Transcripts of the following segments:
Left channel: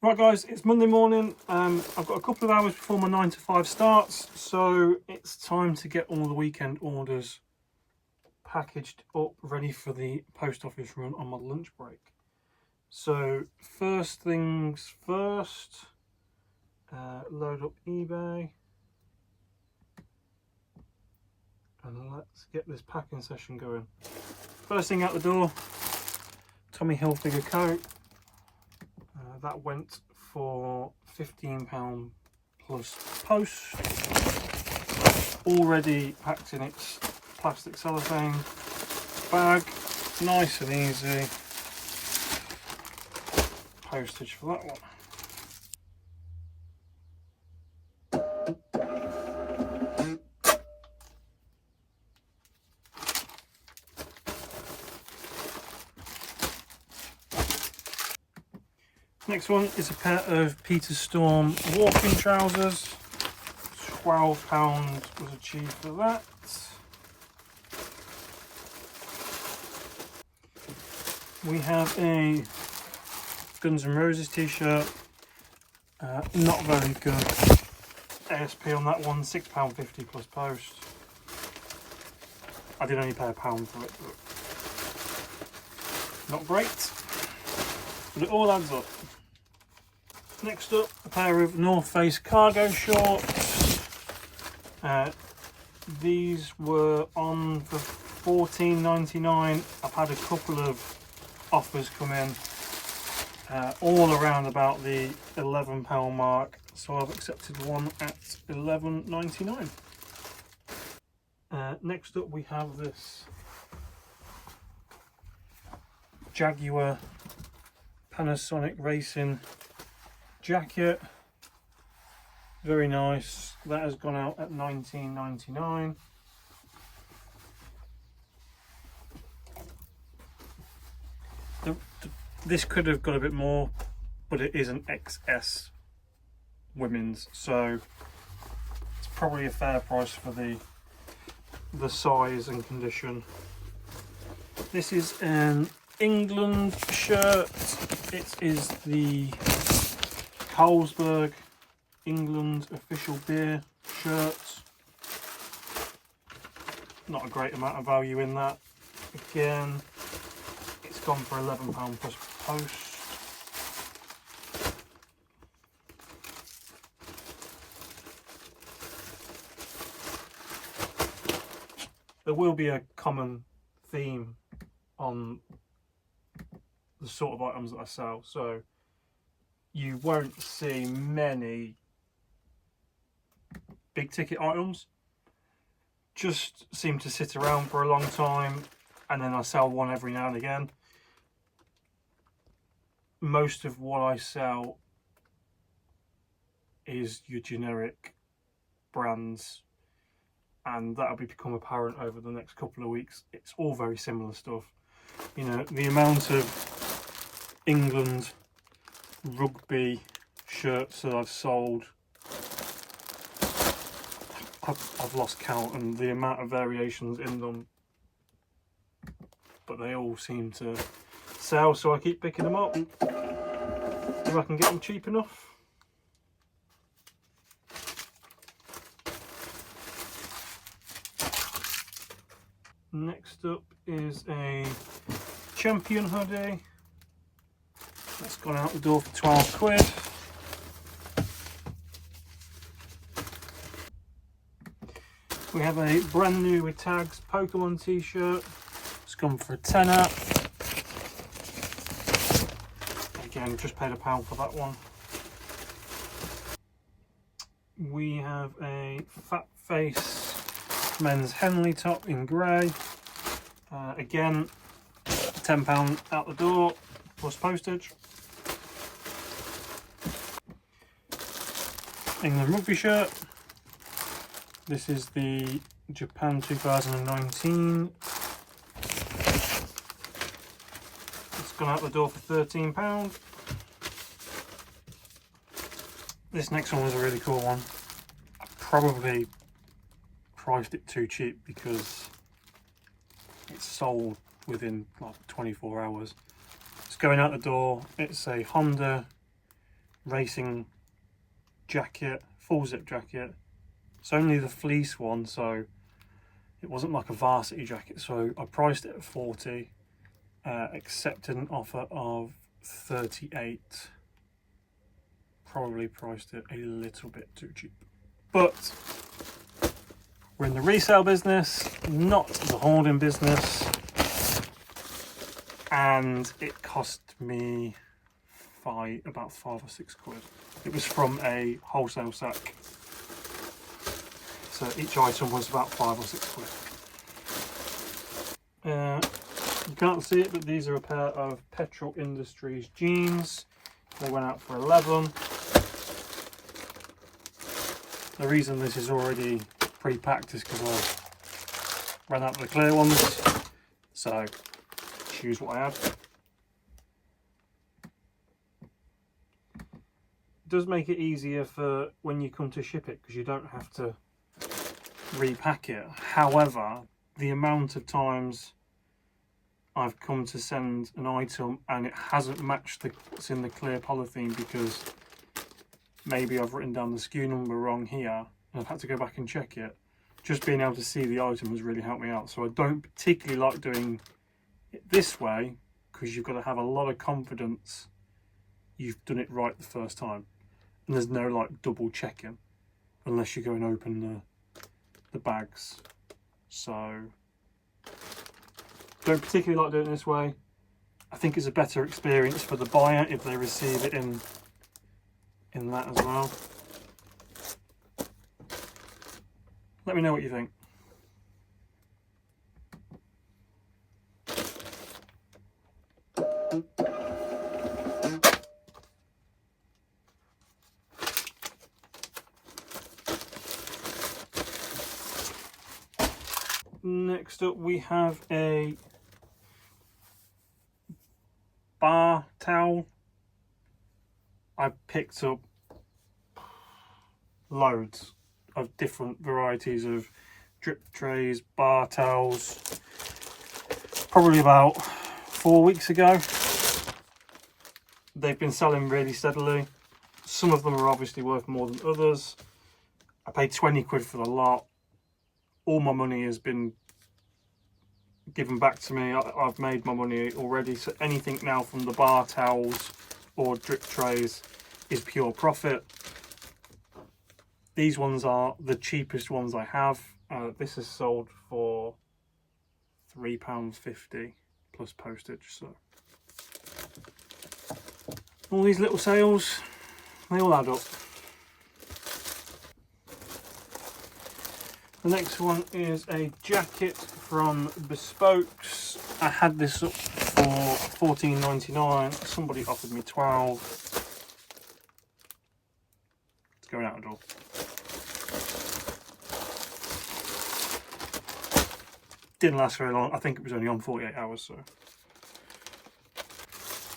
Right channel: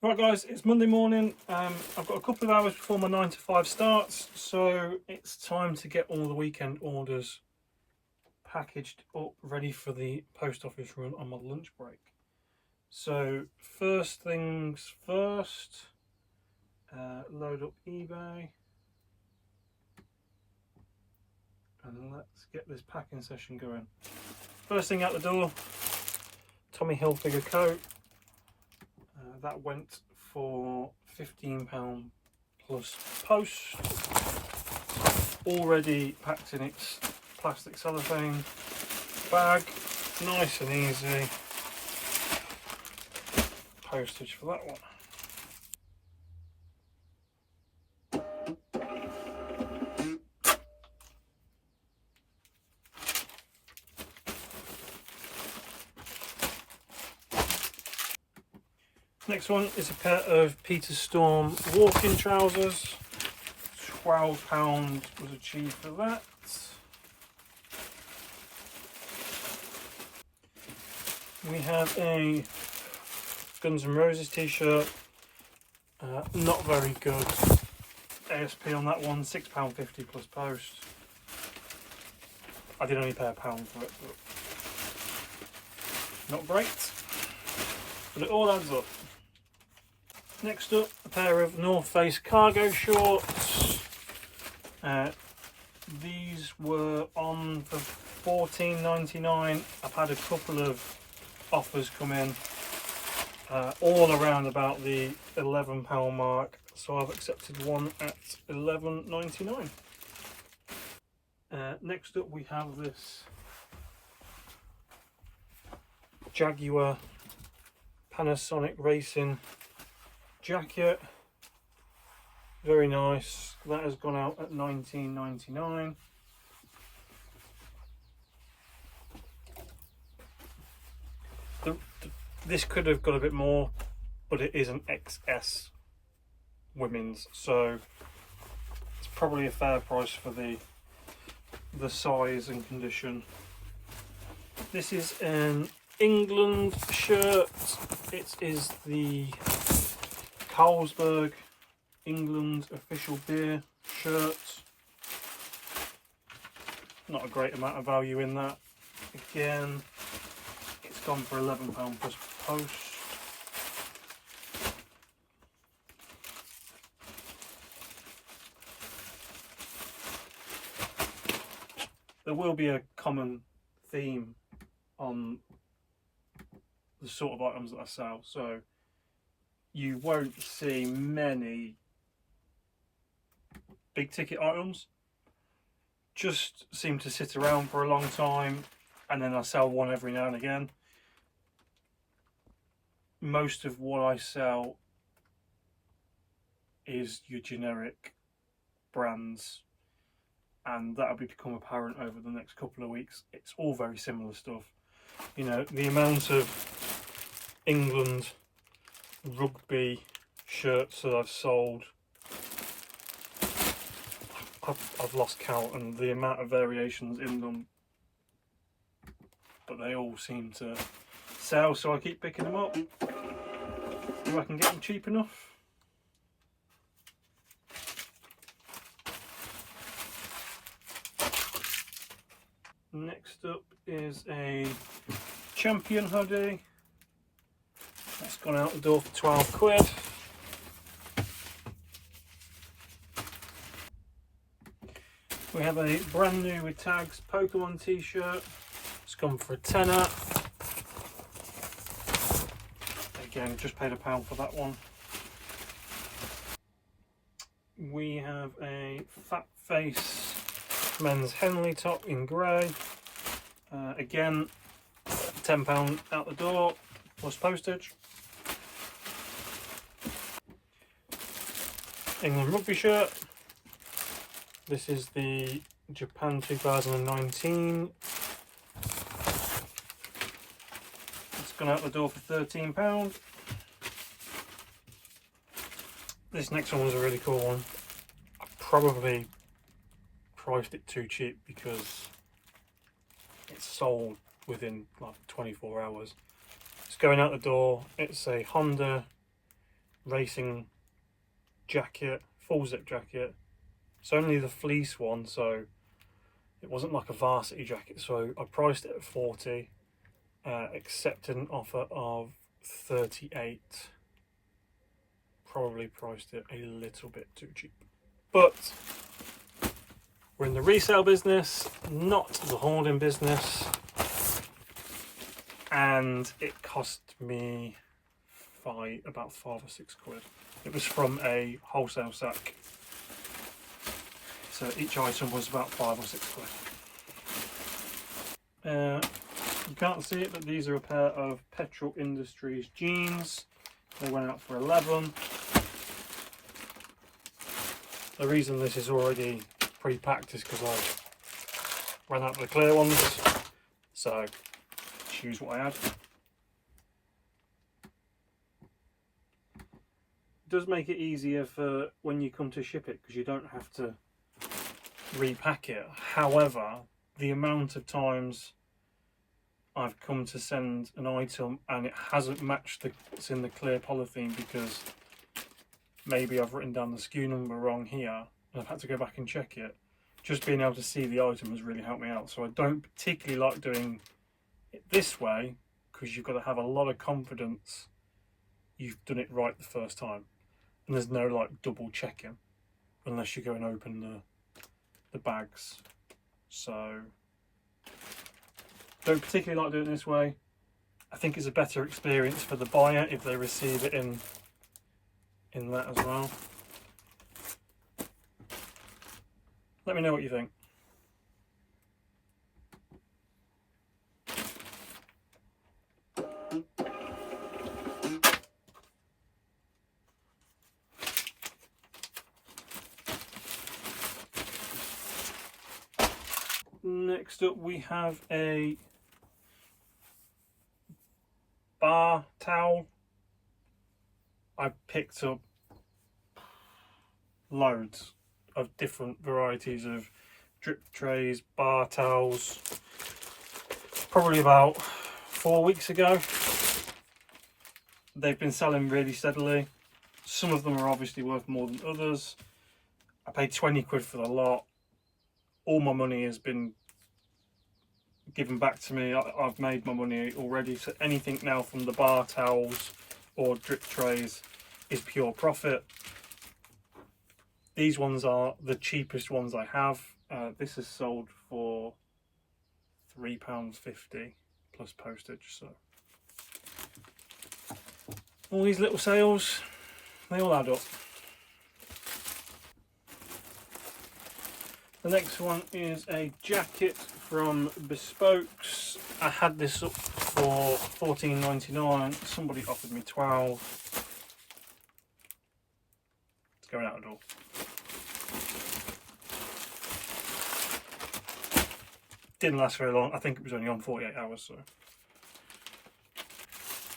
Right guys, it's Monday morning. I've got a couple of hours before my 9 to 5 starts, so it's time to get all the weekend orders packaged up, ready for the post office run on my lunch break. So first things first, load up eBay and let's get this packing session going. First thing out the door, Tommy Hilfiger coat. That went for £15 plus post, already packed in its plastic cellophane bag, nice and easy. Postage for that one. Next one is a pair of Peter Storm walking trousers. £12 was achieved for that. We have a Guns N' Roses t-shirt. Not very good ASP on that one, £6.50 plus post. I did only pay £1 for it, but not great. But it all adds up. Next up, a pair of North Face cargo shorts. These were on for $14.99. I've had a couple of offers come in, all around about the £11 mark, so I've accepted one at $11.99. Next up we have this Jaguar Panasonic Racing jacket, very nice. That has gone out at $19.99. This could have got a bit more, but it is an XS women's, so it's probably a fair price for the size and condition. This is an England shirt. It is the Carlsberg England official beer shirt. Not a great amount of value in that. Again, it's gone for £11 plus post. There will be a common theme on the sort of items that I sell, so you won't see many big ticket items. Just seem to sit around for a long time, and then I sell one every now and again. Most of what I sell is your generic brands, and that'll become apparent over the next couple of weeks. It's all very similar stuff. You know, the amount of England rugby shirts that I've sold, I've lost count, and the amount of variations in them, but they all seem to sell, so I keep picking them up if I can get them cheap enough. Next up is a Champion hoodie. That's gone out the door for £12. We have a brand new with tags Pokemon t-shirt. It's gone for a tenner. Again, just paid £1 for that one. We have a Fat Face men's Henley top in grey. Again, £10 out the door plus postage. England rugby shirt. This is the Japan 2019. It's gone out the door for £13. This next one was a really cool one. I probably priced it too cheap because it's sold within like 24 hours. It's going out the door. It's a Honda racing jacket, full zip jacket. It's only the fleece one, so it wasn't like a varsity jacket. So I priced it at 40, accepted an offer of 38. Probably priced it a little bit too cheap. But we're in the resale business, not the hoarding business. And it cost me about 5 or 6 quid. It was from a wholesale sack. So each item was about 5 or 6 quid. You can't see it, but these are a pair of Petrol Industries jeans. They went out for 11. The reason this is already pre-packed is because I ran out of the clear ones. So choose what I had. It does make it easier for when you come to ship it because you don't have to repack it. However, the amount of times I've come to send an item and it hasn't matched what's in the clear polythene because maybe I've written down the SKU number wrong here and I've had to go back and check it. Just being able to see the item has really helped me out. So I don't particularly like doing it this way because you've got to have a lot of confidence you've done it right the first time. And there's no like double checking unless you go and open the bags. So don't particularly like doing it this way. I think it's a better experience for the buyer if they receive it in that as well. Let me know what you think. Next up we have a bar towel. I picked up loads of different varieties of drip trays, bar towels, probably about 4 weeks ago. They've been selling really steadily. Some of them are obviously worth more than others. I paid 20 quid for the lot. All my money has been given back to me. I've made my money already, so anything now from the bar towels or drip trays is pure profit. These ones are the cheapest ones I have. This is sold for £3.50 plus postage. So all these little sales, they all add up. The next one is a jacket from Bespokes. I had this up for £14.99. Somebody offered me 12. It's going out the door. Didn't last very long. I think it was only on 48 hours. So,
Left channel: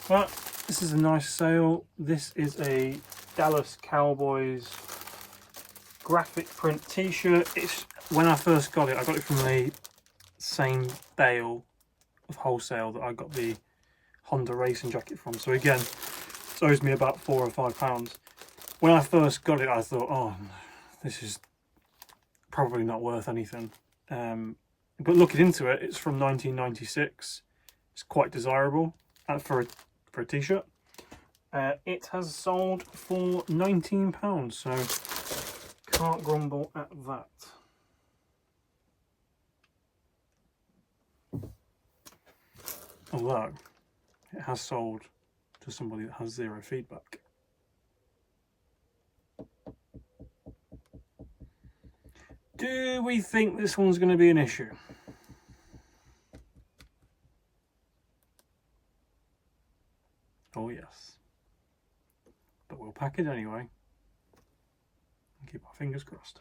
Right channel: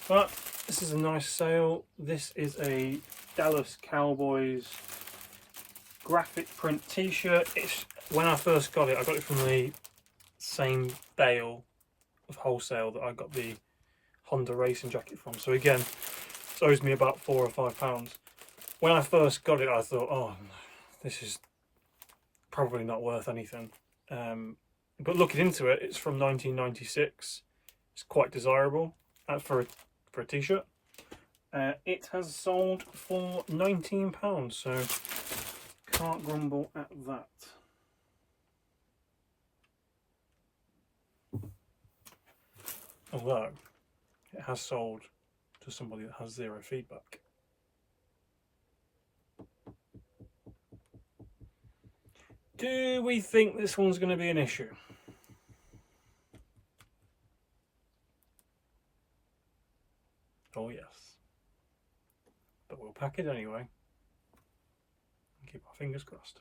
but this is a nice sale. This is a Dallas Cowboys graphic print t-shirt. It's when I first got it, I got it from the same bale of wholesale that I got the Honda racing jacket from. So again, it owes me about £4 or £5. When I first got it, I thought, oh, this is probably not worth anything. But looking into it, it's from 1996. It's quite desirable for a t-shirt. It has sold for £19, so can't grumble at that. Although it has sold to somebody that has 0 feedback. Do we think this one's going to be an issue? Oh yes. But we'll pack it anyway. And keep our fingers crossed.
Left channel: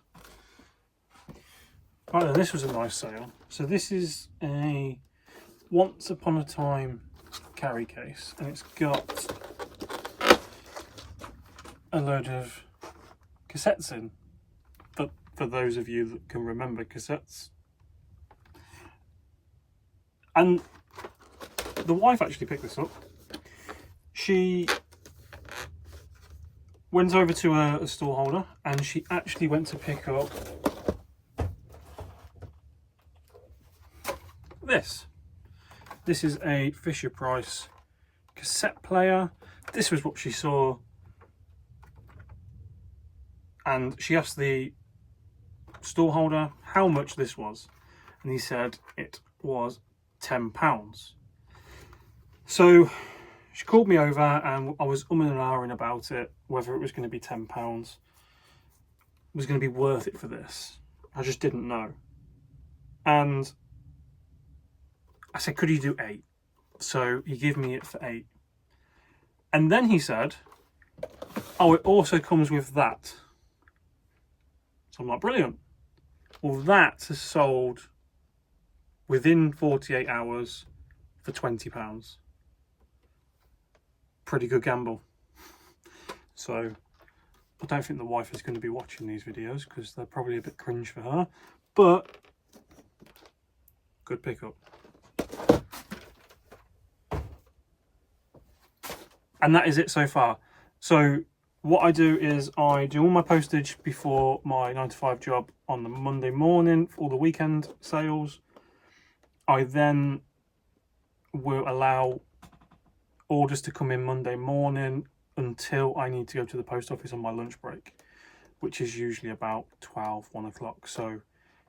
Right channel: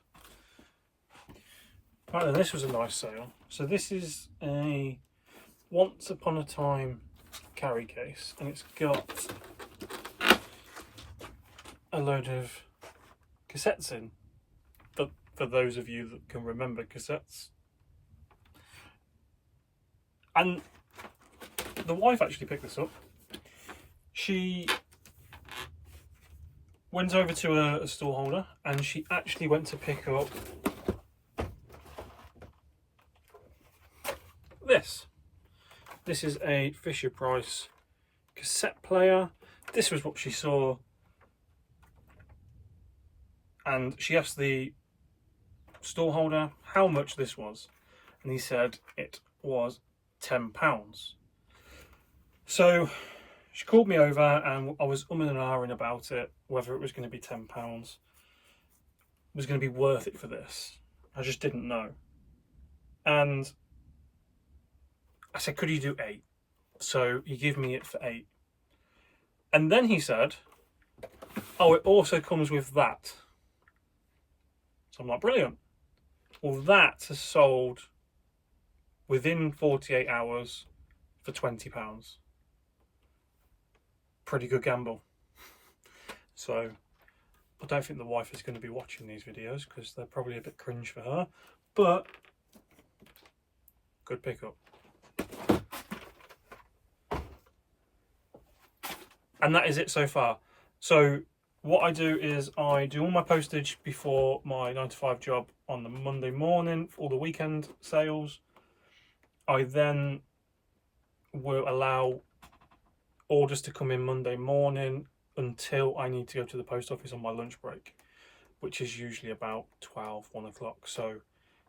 Right then, this was a nice sale. So this is a Once Upon a Time carry case, and it's got a load of cassettes in. For those of you that can remember cassettes. And the wife actually picked this up. She went over to a store holder, and she actually went to pick up this. This is a Fisher-Price cassette player. This was what she saw, and she asked the store holder how much this was, and he said it was £10. So she called me over, and I was umming and ahhing about it, whether it was going to be £10 was going to be worth it for this. I just didn't know. And I said, could you do 8? So he gave me it for 8. And then he said, oh, it also comes with that. So I'm like, brilliant. Well, that is sold within 48 hours for £20. Pretty good gamble. So I don't think the wife is going to be watching these videos because they're probably a bit cringe for her, but good pickup. And that is it so far. So what I do is I do all my postage before my 9 to 5 job on the Monday morning for all the weekend sales. I then will allow orders to come in Monday morning until I need to go to the post office on my lunch break, which is usually about 1 o'clock. So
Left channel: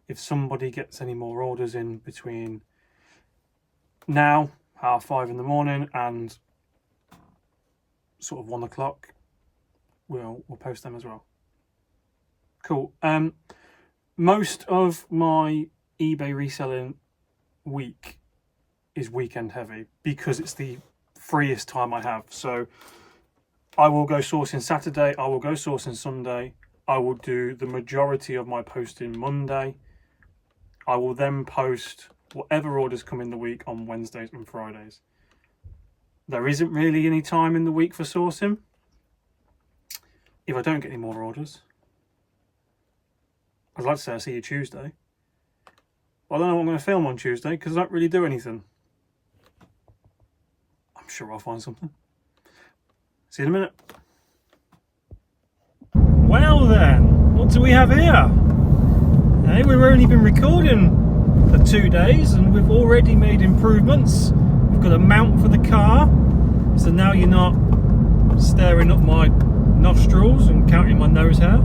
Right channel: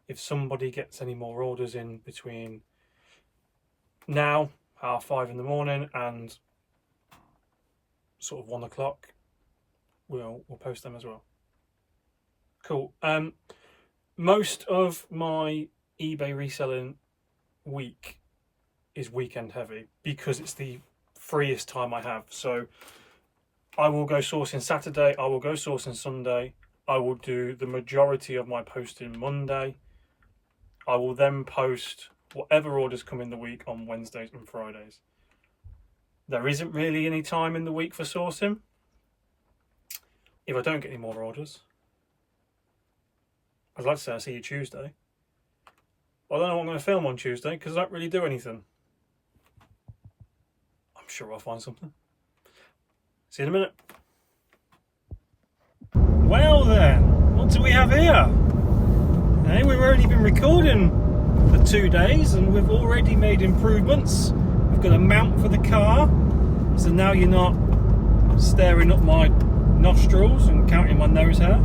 if somebody gets any more orders in between now, 5:30 in the morning, and sort of 1 o'clock, we'll post them as well. Cool. Most of my eBay reselling week is weekend heavy because it's the freest time I have. So I will go sourcing Saturday, I will go sourcing Sunday, I will do the majority of my posting Monday. I will then post whatever orders come in the week on Wednesdays and Fridays. There isn't really any time in the week for sourcing. If I don't get any more orders, I'd like to say I'll see you Tuesday. But I don't know what I'm going to film on Tuesday because I don't really do anything. I'm sure I'll find something. See you in a minute. Well then, what do we have here? Hey, we've only been recording for 2 days and we've already made improvements. We've got a mount for the car, so now you're not staring up my nostrils and counting my nose hair.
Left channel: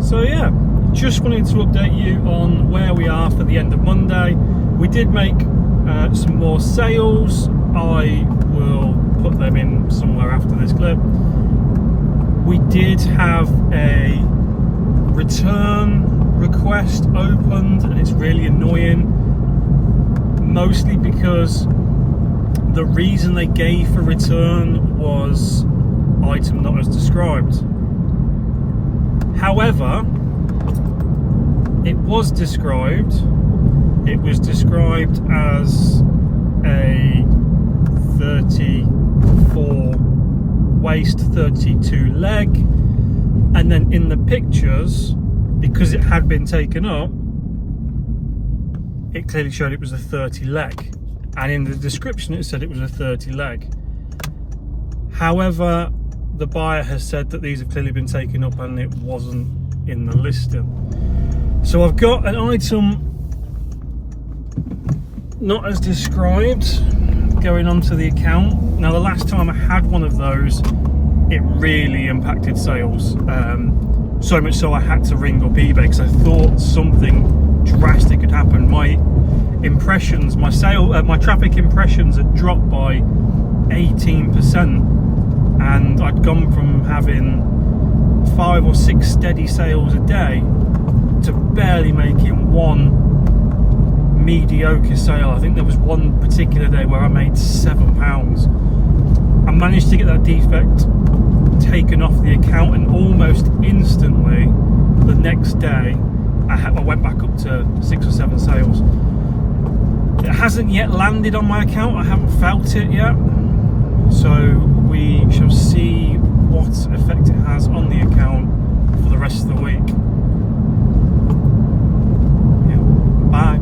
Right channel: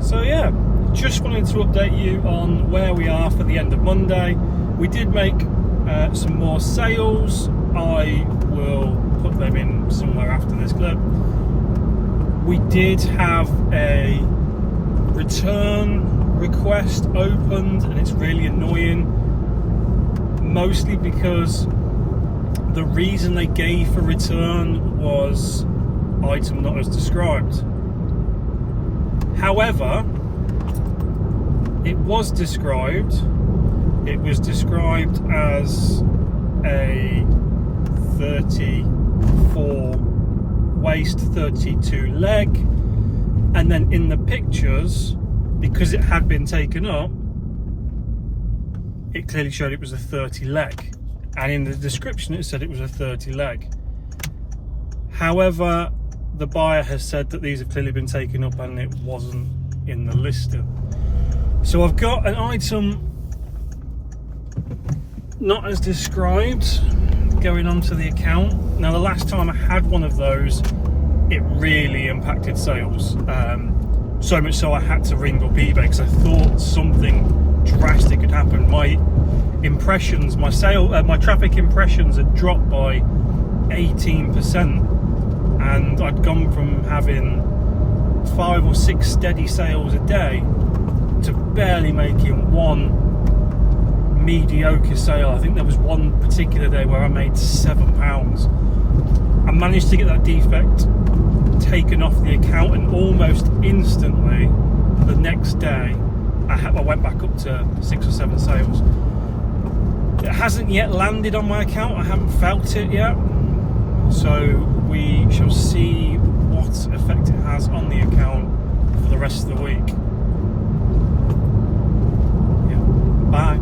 So yeah, just wanted to update you on where we are for the end of Monday. We did make some more sales. I will put them in somewhere after this clip. We did have a return request opened, and it's really annoying, mostly because the reason they gave for return was item not as described. However, it was described as a 34 waist, 32 leg, and then in the pictures, because it had been taken up, it clearly showed it was a 30 leg, and in the description it said it was a 30 leg. However, the buyer has said that these have clearly been taken up and it wasn't in the listing. So I've got an item not as described going onto the account. Now, the last time I had one of those, it really impacted sales. So much so I had to ring up eBay because I thought something drastic had happened. My impressions, my traffic impressions had dropped by 18%. And I'd gone from having 5 or 6 steady sales a day to barely making one mediocre sale. I think there was one particular day where I made £7. I managed to get that defect taken off the account, and almost instantly the next day I went back up to 6 or 7 sales. It hasn't yet landed on my account, I haven't felt it yet, so we shall see what effect it has on the account for the rest of the week. Yeah. Bye.